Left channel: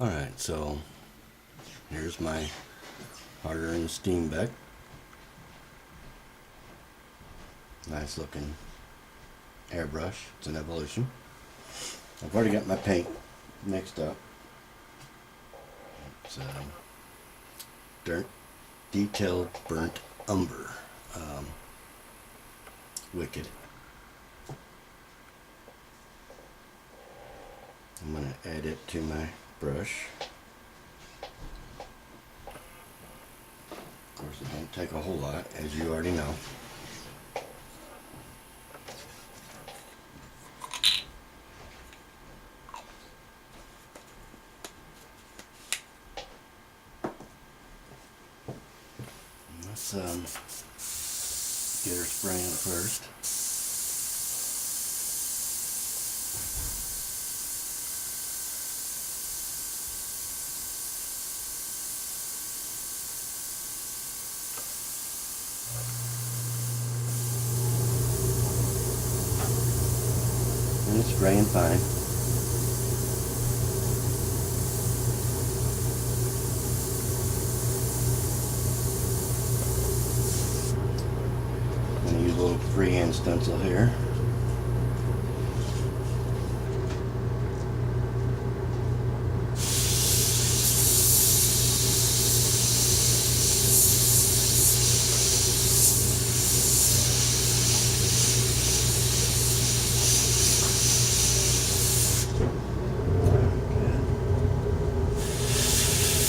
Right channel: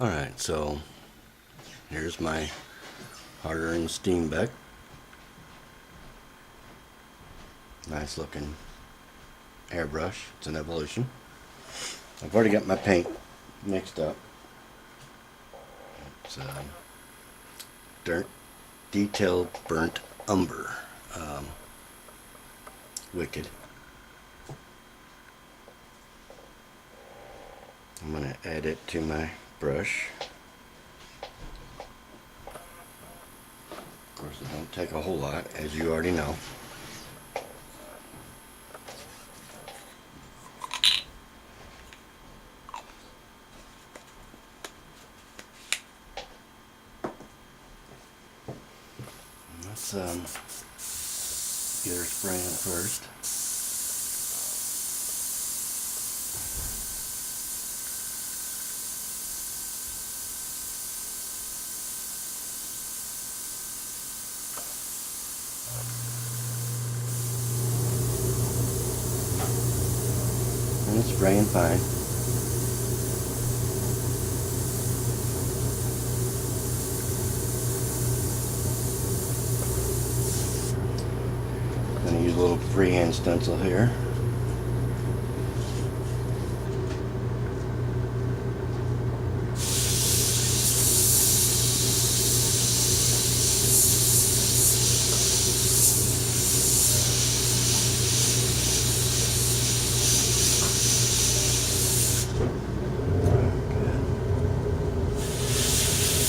Alright, so here's my hard-earned Steenbeck. Nice looking airbrush. It's an Evolution. I've already got my paint mixed up. It's dirt detailed burnt umber. Wicked. I'm going to add it to my brush. Of course, it don't take a whole lot, as you already know. Let's get her spraying first. And it's spraying fine. I'm going to use a little freehand stencil here.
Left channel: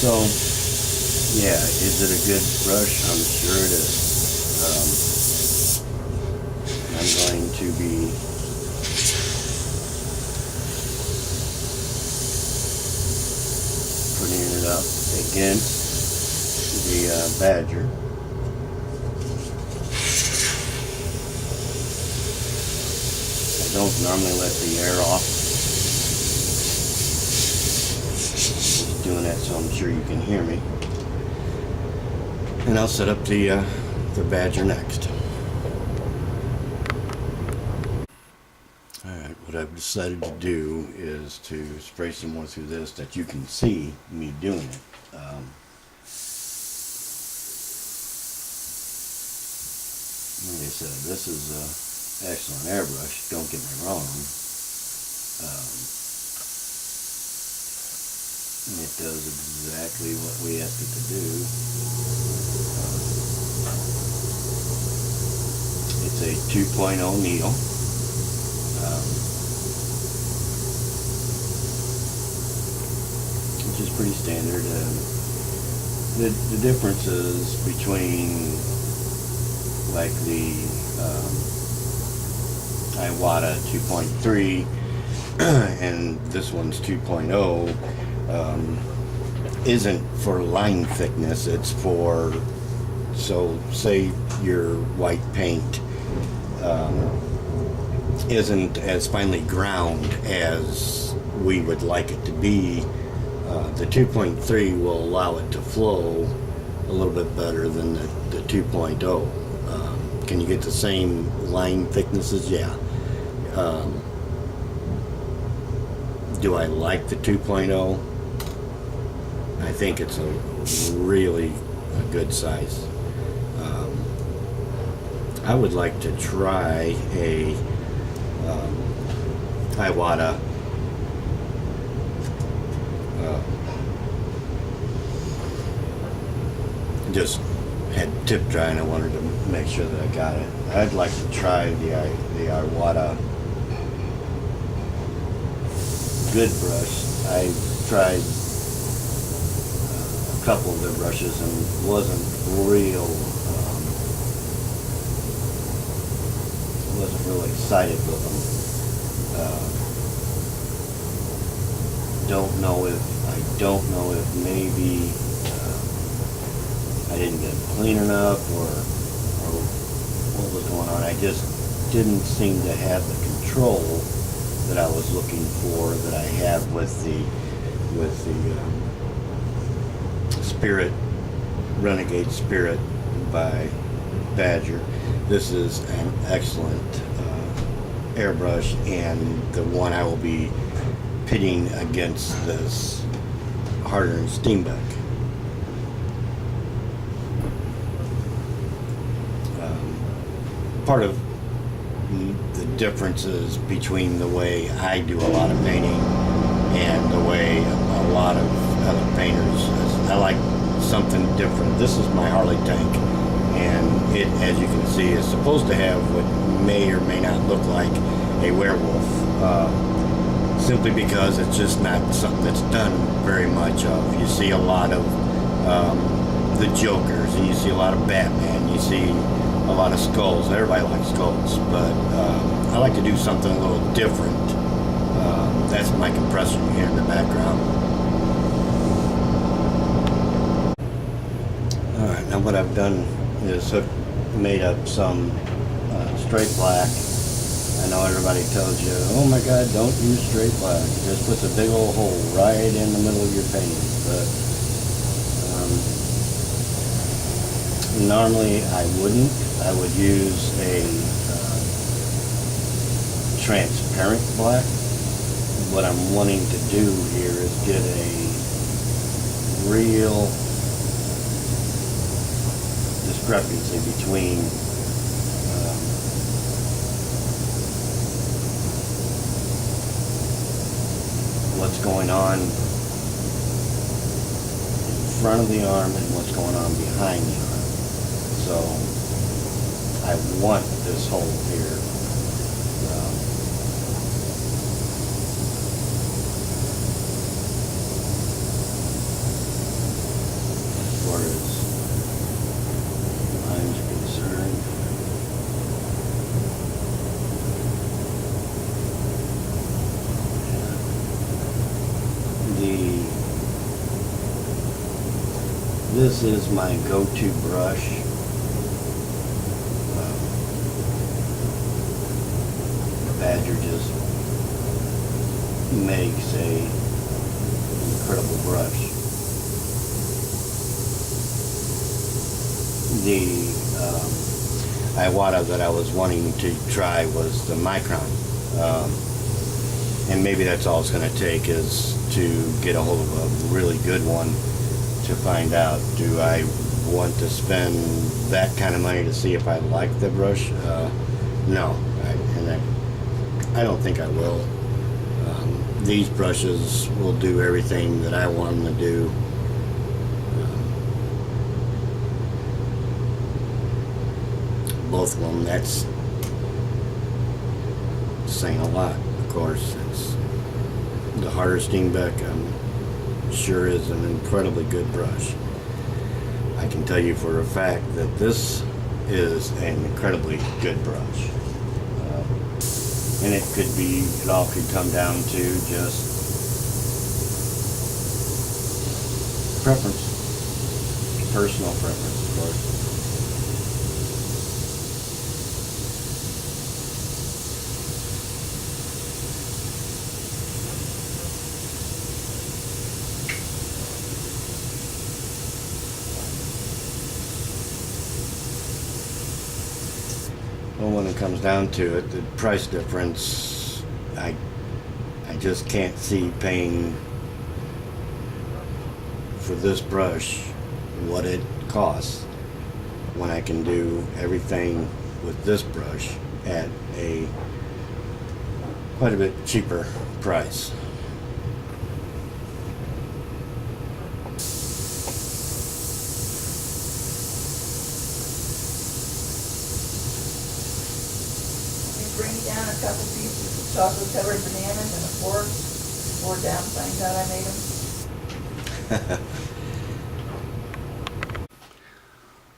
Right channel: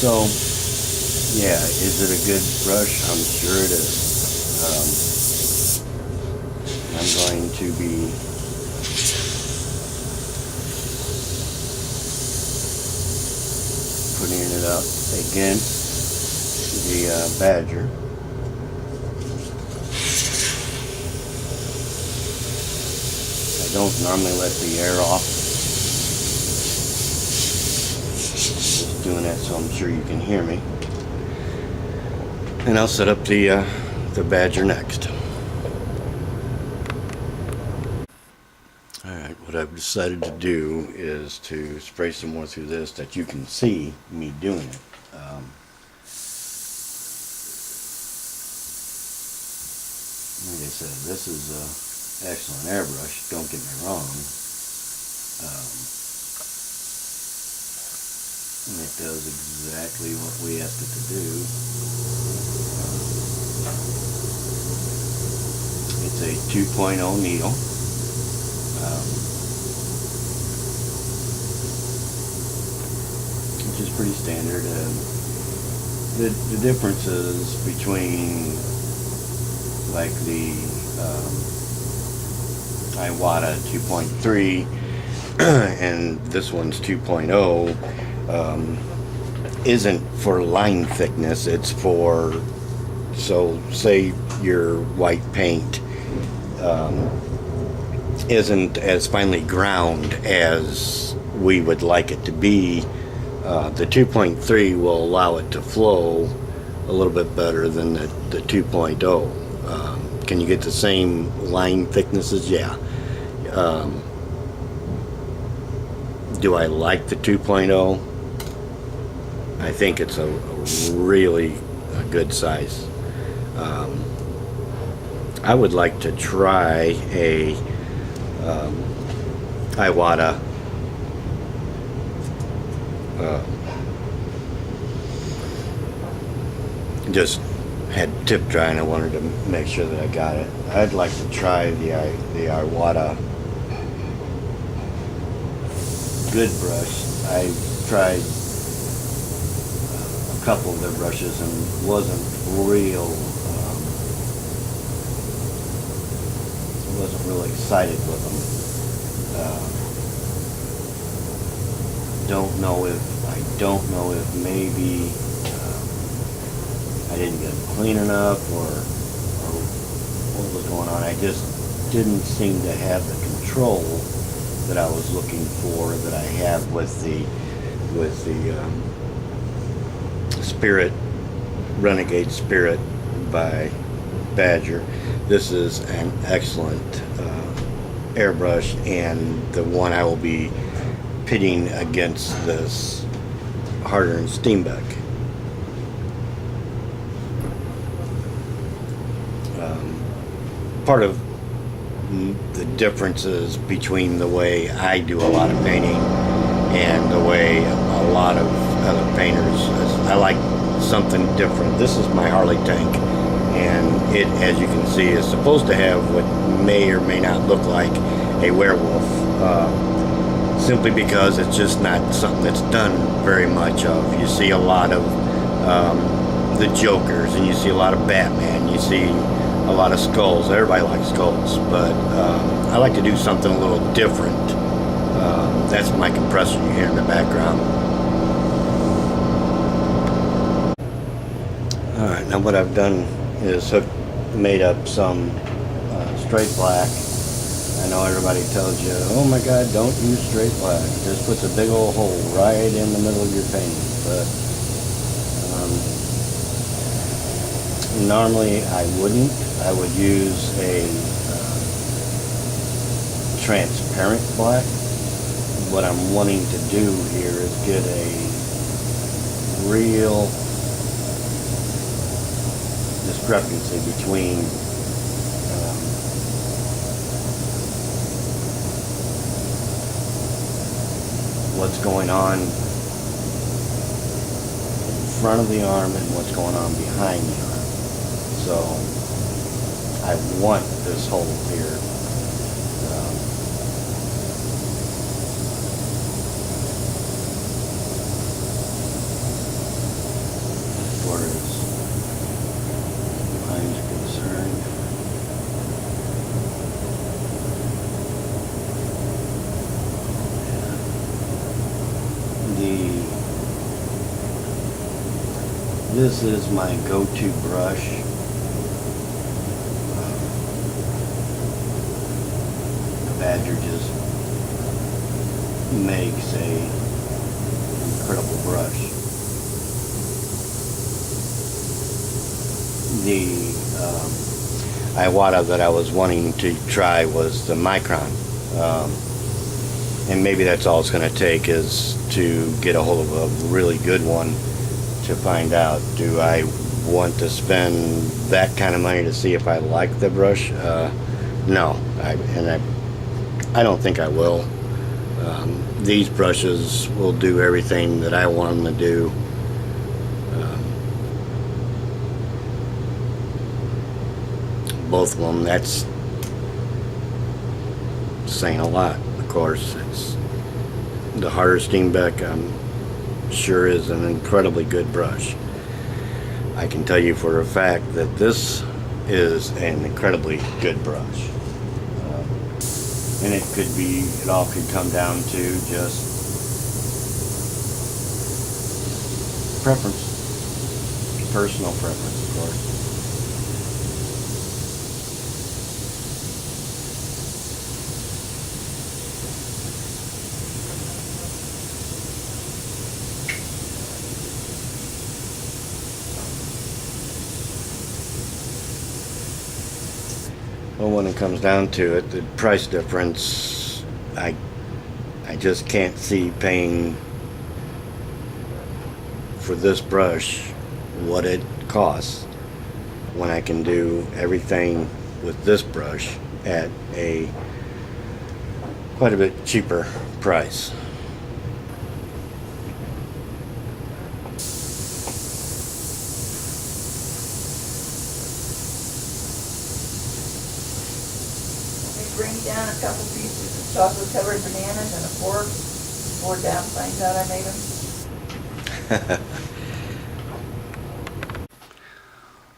So, yeah, is it a good brush? I'm sure it is. I'm going to be putting it up against the Badger. I don't normally let the air off. Just doing that so I'm sure you can hear me. And I'll set up the Badger next. Alright, what I've decided to do is to spray some more through this that you can see me doing it. Like I said, this is an excellent airbrush, don't get me wrong. And it does exactly what we asked it to do. It's a 2.0 needle. Which is pretty standard. The differences between like the Iwata 2.3 and this one's 2.0 isn't for line thickness, it's for, so say your white paint isn't as finely ground as we would like it to be. The 2.3 will allow it to flow a little bit better than the 2.0. Can you get the same line thicknesses? Yeah. Do I like the 2.0? I think it's a really good size. I would like to try a Iwata just had tip dry and I wanted to make sure that I got it. I'd like to try the Iwata good brush. I tried a couple of their brushes and wasn't real excited with them. I don't know if maybe I didn't get them clean enough or what was going on. I just didn't seem to have the control that I was looking for that I have with the Spirit, Renegade Spirit by Badger. This is an excellent airbrush, and the one I will be pitting against this harder than Steenbeck. Part of the differences between the way I do a lot of painting and the way a lot of other painters is I like something different. This is my Harley tank, and it, as you can see, is supposed to have what may or may not look like a werewolf, simply because it's just not something that's done very much of. You see a lot of the Jokers, and you see a lot of Batman, you see a lot of skulls. Everybody likes skulls, but I like to do something a little different. That's my compressor you hear in the background. Alright, now what I've done is made up some straight black. I know everybody tells you, oh my god, don't use straight black. It just puts a big old hole right in the middle of your painting. But normally I wouldn't. I would use a transparent black. What I'm wanting to do here is get a real discrepancy between what's going on in front of the arm and what's going on behind the arm. So I want this hole here. As far as lines are concerned. This is my go-to brush. Badger just makes a incredible brush. The Iwata that I was wanting to try was the Micron, and maybe that's all it's going to take is to get a hold of a really good one to find out, do I want to spend that kind of money to see if I like the brush? No, I don't think I will. These brushes will do everything that I want them to do. Both of them, that's saying a lot, of course. It's the harder Steenbeck, sure is an incredibly good brush. I can tell you for a fact that this is an incredibly good brush. And it all could come down to just preference, personal preference, of course. Well, when it comes down to it, the price difference, I just can't see paying for this brush what it costs when I can do everything with this brush at a quite a bit cheaper price. Bring down a couple pieces of chocolate covered bananas and a fork. 4 down, find out I made them.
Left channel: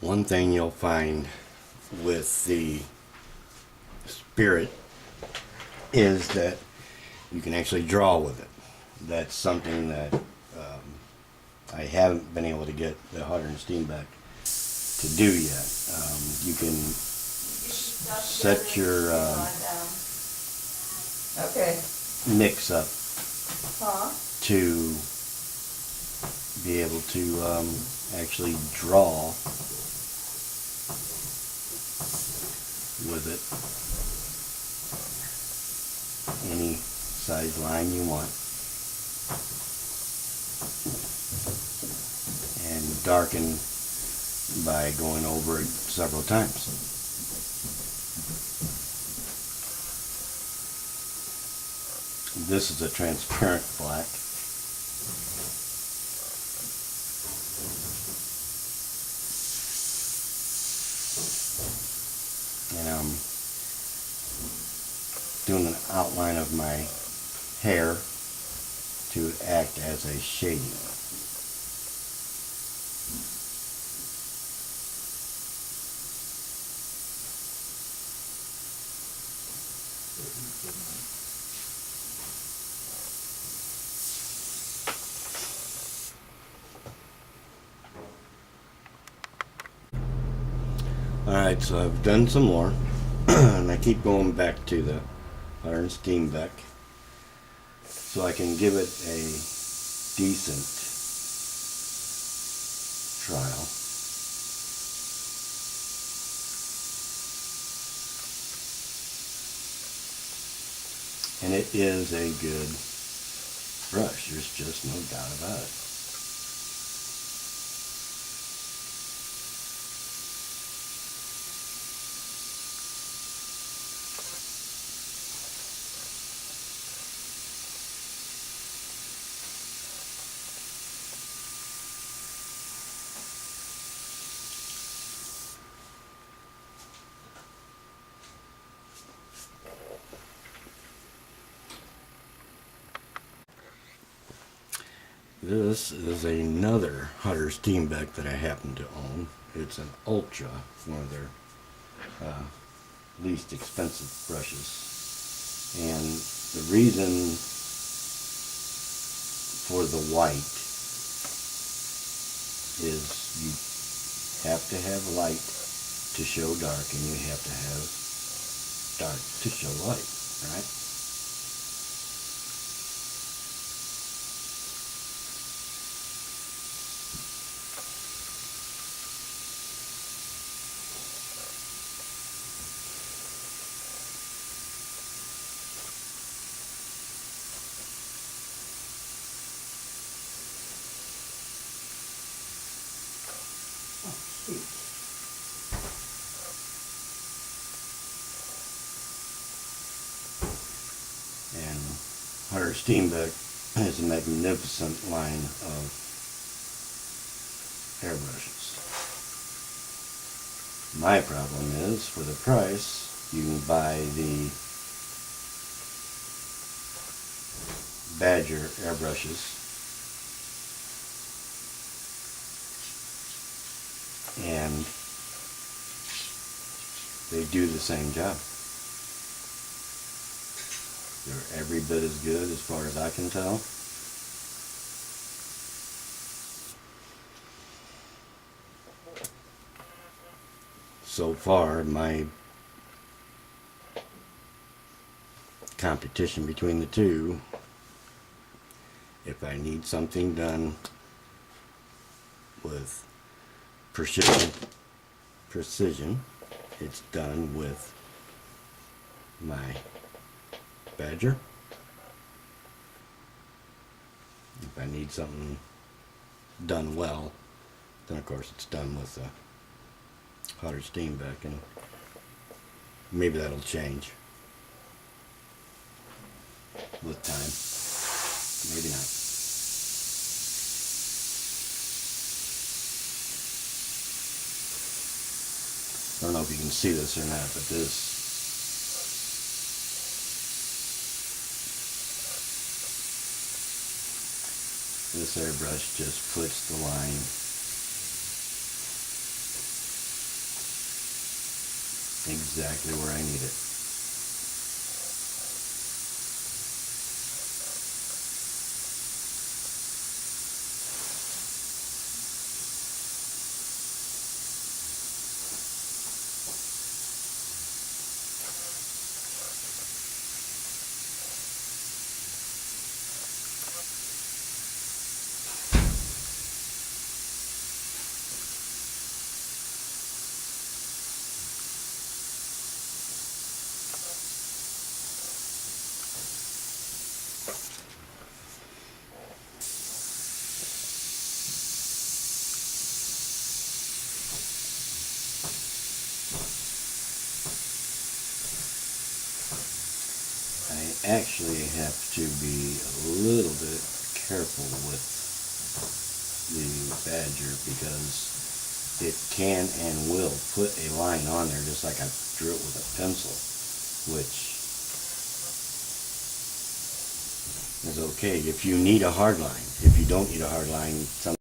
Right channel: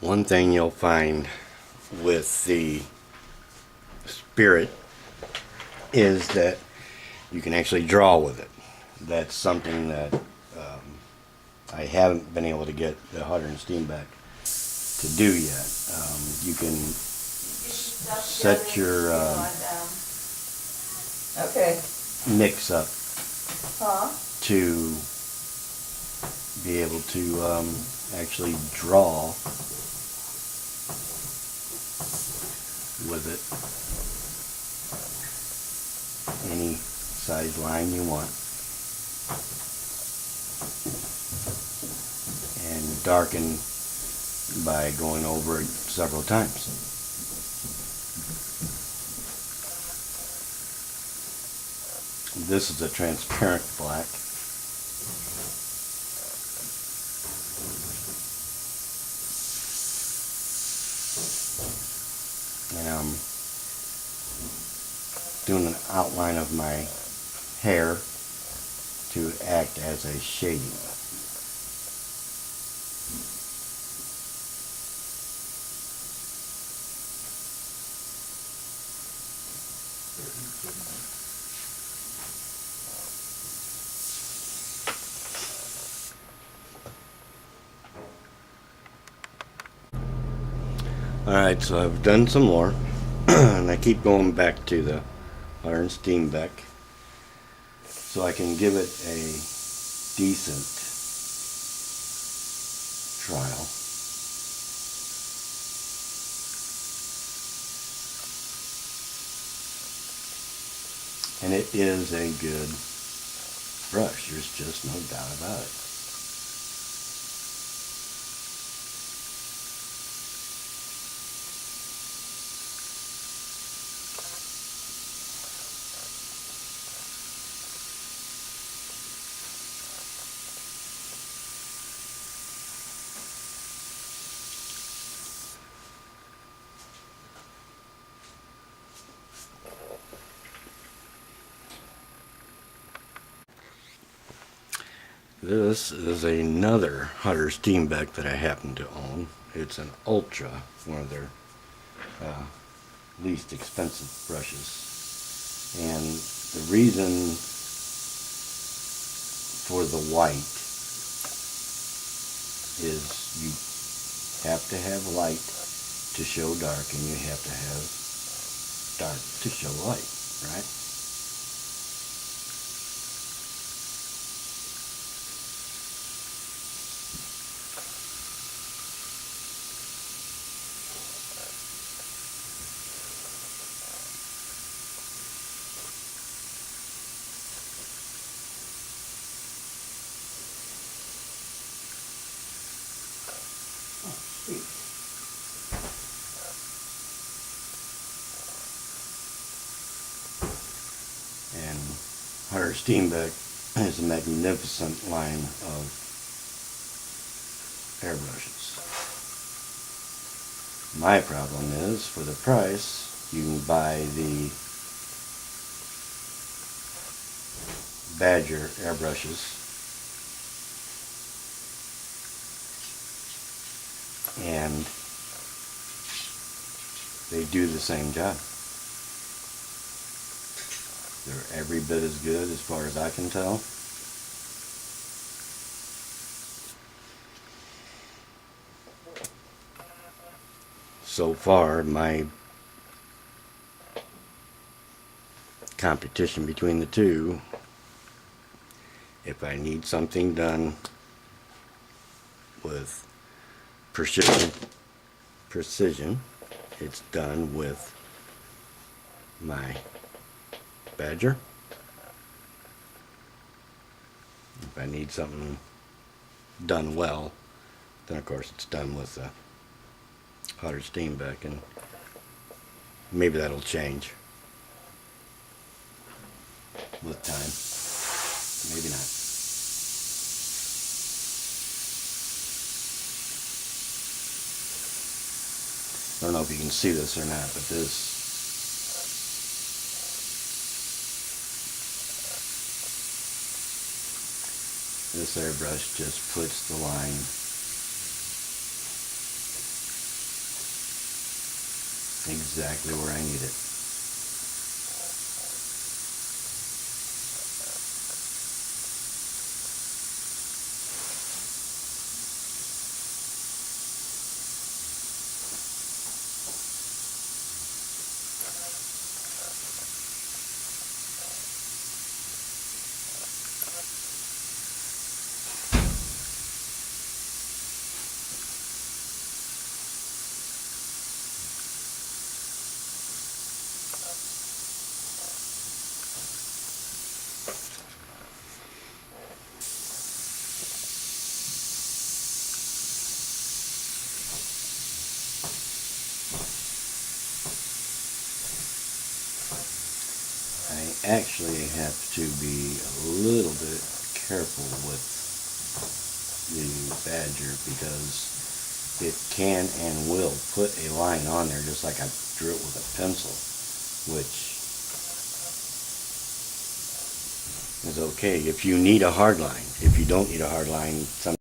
One thing you'll find with the Spirit is that you can actually draw with it. That's something that I haven't been able to get the Hutter and Steenbeck to do yet. You can set your mix up to be able to actually draw with it any size line you want. darken by going over it several times. This is a transparent black. And I'm doing an outline of my hair to act as a shading. Alright, so I've done some more, and I keep going back to the iron Steenbeck so I can give it a decent trial. And it is a good brush, there's just no doubt about it. This is another Hutter Steenbeck that I happen to own. It's an Ultra, one of their least expensive brushes. And the reason for the white is you have to have light to show dark, and you have to have dark to show light, right? And Hutter Steenbeck has a magnificent line of airbrushes. My problem is, for the price, you can buy the Badger airbrushes, and they do the same job. They're every bit as good as far as I can tell. So far, my competition between the two, if I need something done with precision, it's done with my Badger. If I need something done well, then of course it's done with the Hutter Steenbeck, and maybe that'll change with time. Maybe not. I don't know if you can see this or not, but this airbrush just puts the line exactly where I need it. actually have to be a little bit careful with the Badger because it can and will put a line on there just like I drew it with a pencil, which is okay if you need a hard line. If you don't need a hard line, some